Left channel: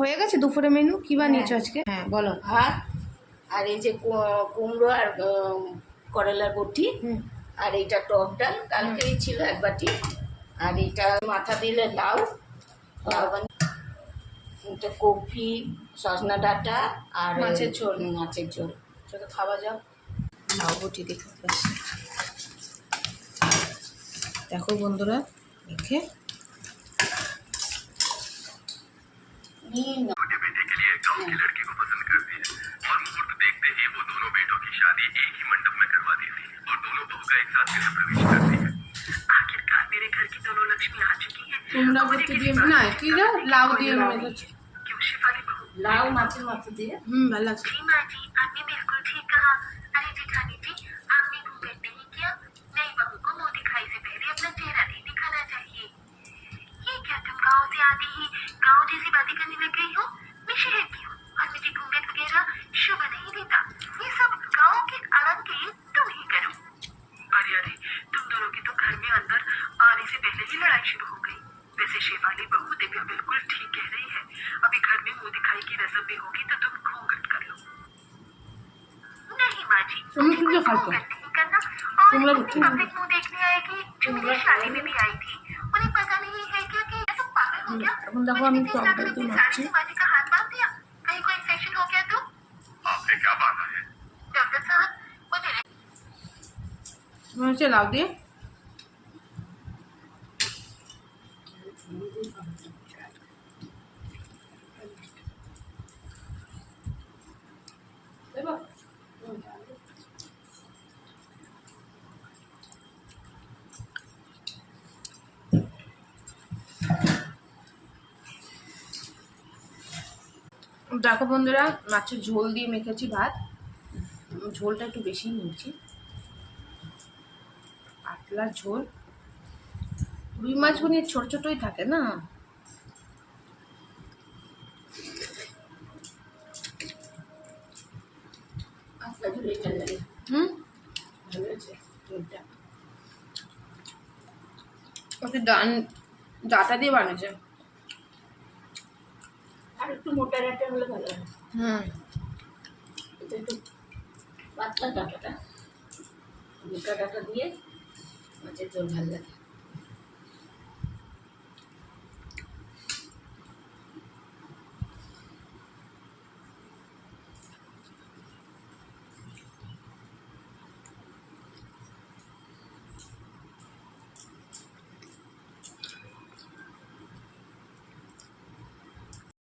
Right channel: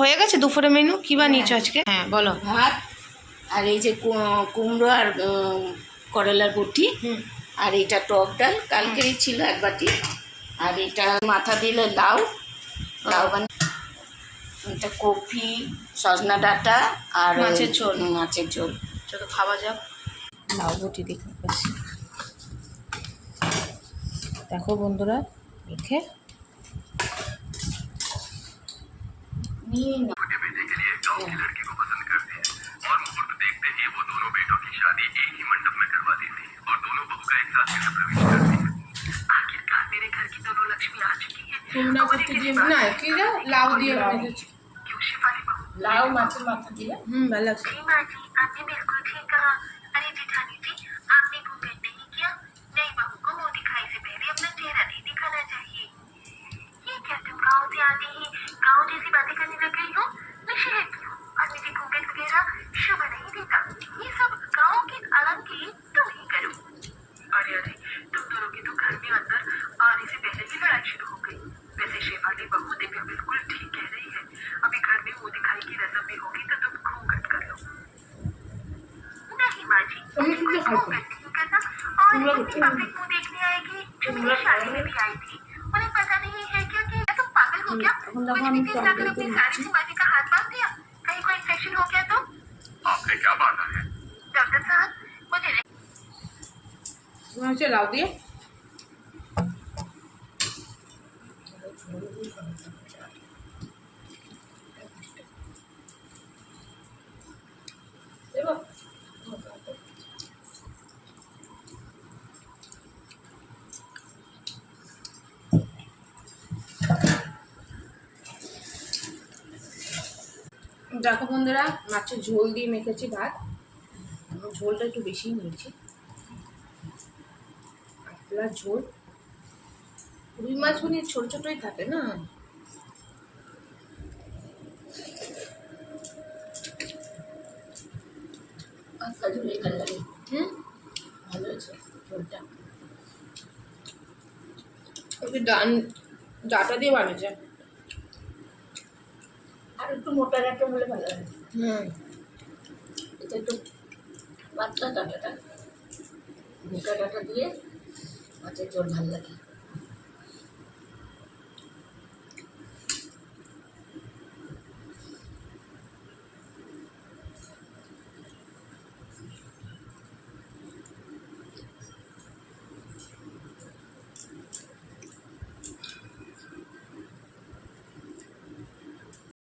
হয়ে গেছে দুপুরে মেনু কি বানিয়েছো আজকে? হ্যাঁ বলো। ভাত আর এই যে কুমড়ো আর করলার বটি, আর এইটা টক ডাল কালকেই ছিল এক বাটি, আর এটা মাথা দিলে লাউ লাউ এটা কপি সজনা ডাঁটা আর মাছের ঝোল। মাছের ঝোল। চলো খাওয়া যাক। লাউ বটি দেখো দেখো বন্ধুরা দেখে নিয়ে না। কুমড়া বটি দিয়ে না কি দাও লাউ দিয়ে মেরেছি। লাউ মাছের মাথা দিয়ে ভালো লাগছে। তুমি কি খাইছো? কুমড়া বটি। এখন যখন আমি টক ডালতে যাচ্ছি লাউ দিয়ে দেখো বন্ধুরা মাছের ঝোল দিয়ে মেখেছি ভাত। ঝোলটা একটু বেশি নিয়েছি, পাতলা ঝোল। রুই মাছগুলো ছোট ছোটই থাকে না। পাতলা ঝোলে ভালো লাগে। ভালো হয়েছে ঝোলটা। ওকে ডাটা দিয়ে বানিয়েছে। আর একটু মোটা ডাঁটা হলে ভালো হয়। এটা একটু পাতলা ডাঁটাটা, মোটা ডাঁটা দিয়ে মাছের ঝোল ভালো লাগে।